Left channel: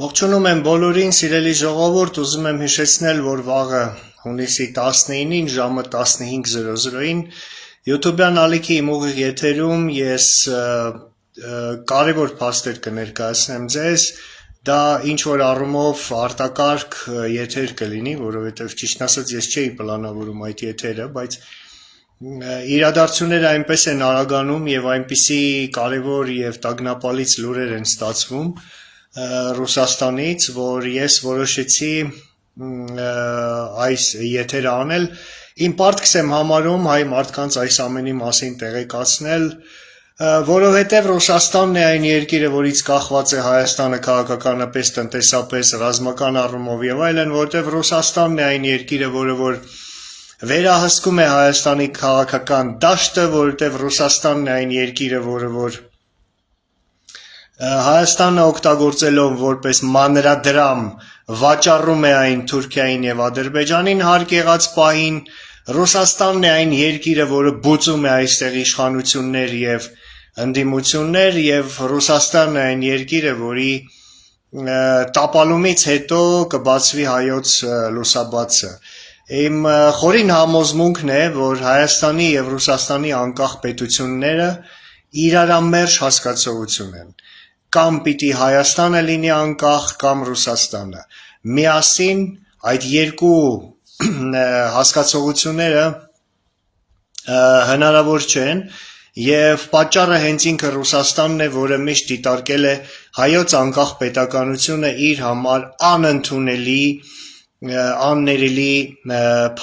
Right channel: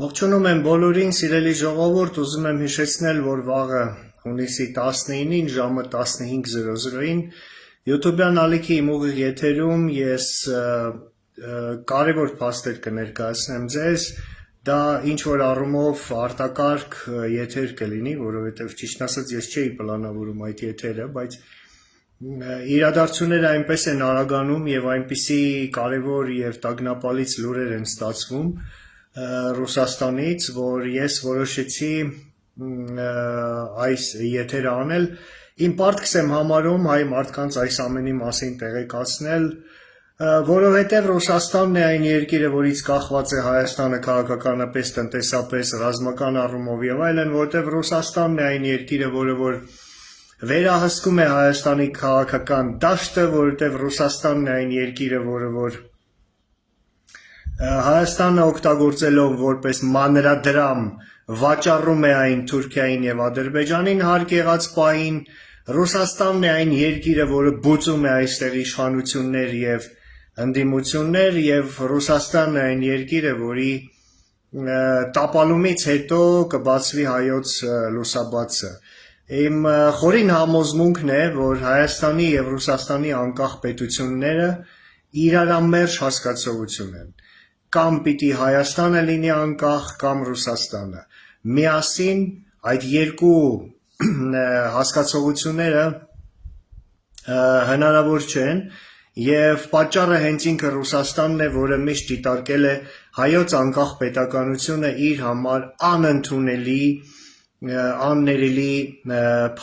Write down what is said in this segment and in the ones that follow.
Ողջունում եմ բոլորին, սիրելի ժողովուրդ, ուզում եմ հիշեցնել, որ վաղը հունիսի 19-ին ժամը 15:00-ին YouTube-յան ալիքի իմ ուղիղ եթերում ես կարևոր փաստեր կներկայացնեմ ձեզ, դա ինչ-որ առումով արտակարգ եթեր կլինի, որովհետև ճիշտն ասած ես չէի պլանավորում այդ եթերը, բայց իրադարձությունները այնպես են արագանում եւ այնպիսի կարևոր եւ տագնապալից լուրեր են ստացվում Ռուսաստանից, որ ես որոշեցի այս եթերը անել, իմ պարտքս եմ համարում հայ մարդկանց այս ամենի մասին տեղեկացնել, որովհետև Ռուսաստանն է այն երկիրը, որից կախված է Հայաստանը քաղաքականապես, տնտեսապես, ռազմական առումով եւ այլն, որովհետև Ռուսաստանն է այն երկիրը, որը որ վերահսկում է Հայաստանի քաղաքական դաշտը, որովհետև Ռուսաստանն է այն երկիրը, որը որ Հայաստանը օգտագործելով որպես մանրադրամ վաճառում է այն Թուրքիային եւ Ադրբեջանին հարկ եղած պահին, Ռուսաստանն է այն երկիրը, որը բուծում է այստեղ իշխանություններ եւ ընդդիմություններ եւ Ռուսաստանն է այն երկիրը, որի տապալումից հետո կբացվի հայոց լուսաբացը։ Իմ խորին համոզմունքն է, որ Հայաստանի եւ Ռուսաստանի անկախ պետությունները իրարամերժ հասկացողություն են։ Կամ պիտի Հայաստանը լինի անկախ, կամ Ռուսաստանը։ Միասին այդ երկու հասկացողությունները հնարավոր չեն եւ պատճառը հենց ինքը Ռուսաստանն է, որը միշտ դիտարկել է հայոց անկախ պետականությունը իր համար անընդունելի, աններելի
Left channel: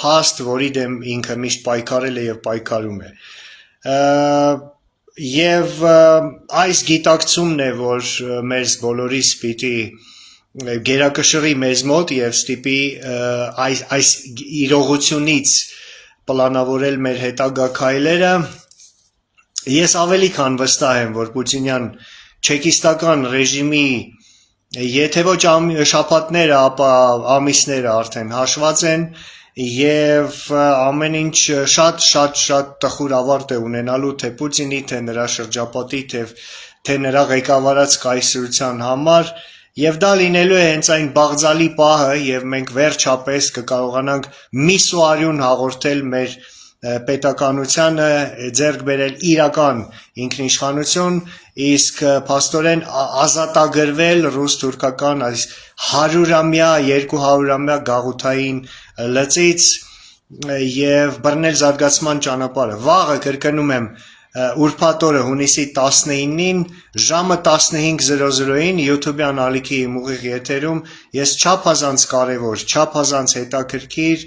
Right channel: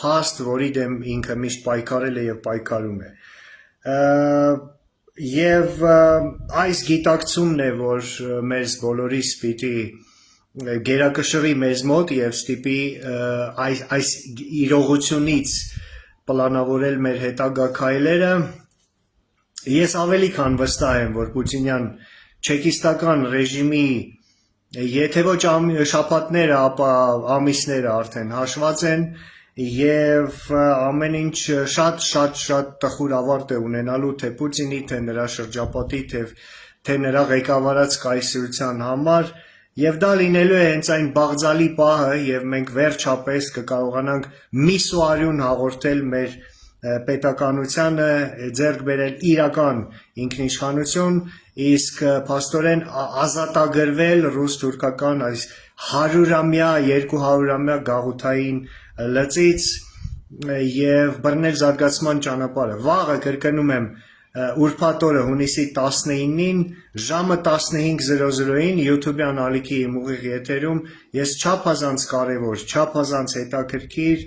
փաստ, որի դեմ ինքը միշտ պայքարել է եւ պայքարում է։ Եվ այս գիտակցումն է, որ մեզ բոլորիս պիտի գերակշռի մեզ մոտ եւ ստիպի այս իրողությունից պլանավորել մեր հետագա քայլերը։ Ես ավելի քան վստահ եմ, որ պուտինյան չեկիստական ռեժիմի եթե ոչ շաբաթները, ապա ամիսները արդեն հաշված են եւ ամեն ինչ շատ տխուր ավարտ է ունենալու թե Պուտինի, թե նրա շրջապատի, թե նրա ղեկավարած կայսրության համար եւ դա լինելու է հենց այն բաղձալի պահը եւ մենք վերջապես կկարողանանք միսուարյուն հաղորդել մեր պետականությանը, ձեռք բերել իրական ինքնիշխանություն, իսկ փաստորեն ազատագրվել ռուս-թուրքական այս 100-ամյա, 200-ամյա գաղութային լծից եւ բռնել զարգացման ճանապարհը։ Վաղը կրկնում եմ ուրբաթ օրը հունիսի 19-ին ժամը 15:00-ին YouTube-յան ալիքի իմ ուղիղ եթերում ես չափազանց կարևոր, չափազանց հետաքրքիր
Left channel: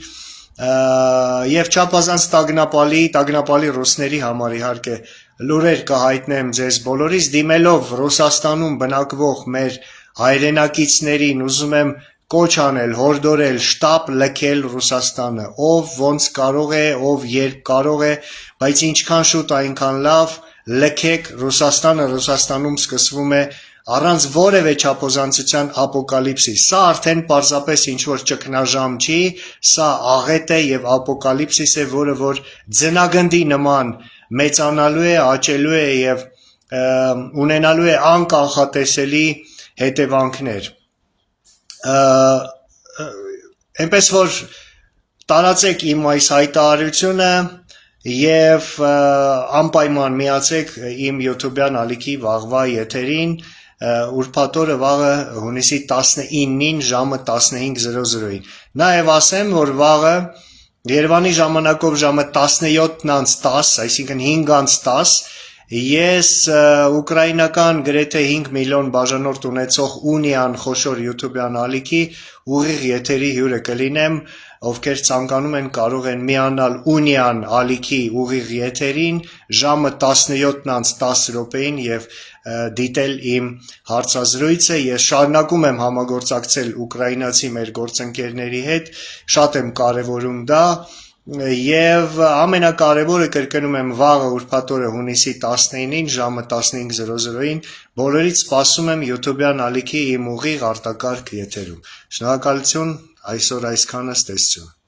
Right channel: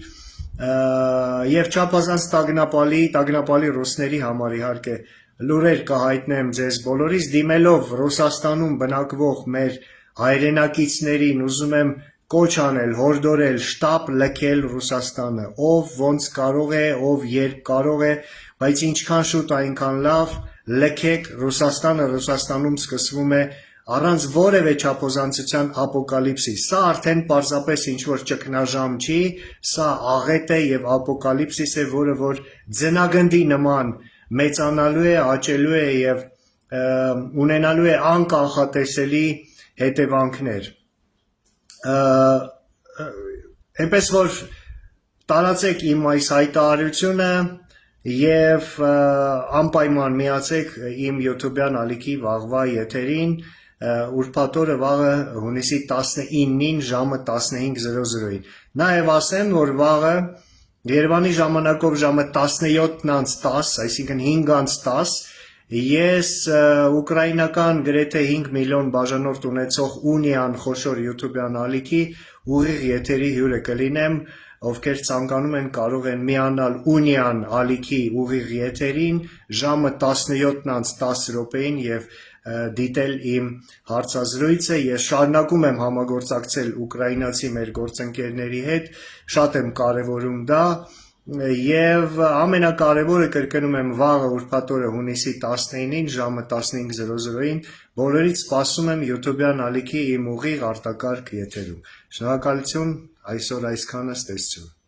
եւ չափազանց տագնապալի ռուսների համար իհարկե լուրեր կհայտնեմ ձեզ բոլորիս, դիմելով Ռուսաստանում բնակվող մեր հայրենակիցներին ուզում եմ կոչ անել, հորդորել, շտապ լքել Ռուսաստանը, ով ոնց կարող է, ով երբ կարող է, բայց ինչքան շուտ այնքան լավ, լքեք Ռուսաստանը, Ռուսաստանում սկսվում է առանց որևէ չափազանցության ապոկալիպսիս։ Սա արդեն պարզապես ինչ-որ ճգնաժամ չի, սա աղետ է եւ ապոկալիպսիս է, որը որ ձնագնդի նման մեծանալու է, աճելու է եւ ունենալու է անկանխատեսելի հետևանքներ։ Այնպես որ տարածեք իմ այս հայտարարությունը եւ անպայման միացեք իմ YouTube-յան ալիքի վաղվա եթերին ուրբաթ օրը վաղը հունիսի 19-ին ժամը 15:00-ին։ Նաեւ ասեմ, որ վաղը Երևանի ժամանակով ժամը 17:10, այսինքն 5:10, ես ուկրաինական գրեթե 5 միլիոն բաժանորդ ունեցող Ունիան խոշոր YouTube-յան ալիքի ուղիղ եթերի հյուրը կլինեմ, ովքեր ցանկանում են կարող են միանալ Ունիան ալիքի ուղիղ եթերին ժամը 17:10 եւ դիտել իմ հարցազրույցը։ Ես շարունակում եմ համագործակցել ուկրաինացի մեր գործընկերների հետ, շատ եմ կարևորում դա եւ ամենակարևորը կրկնում եմ վաղը ուրբաթ օրը հունիսի 19-ին ժամը 15:00-ին բոլորից սպասում եմ YouTube-յան ալիքի իմ ուղիղ արտակարգ եթերում։ Շնորհակալություն, այսօր այսքանը, ստեսություն։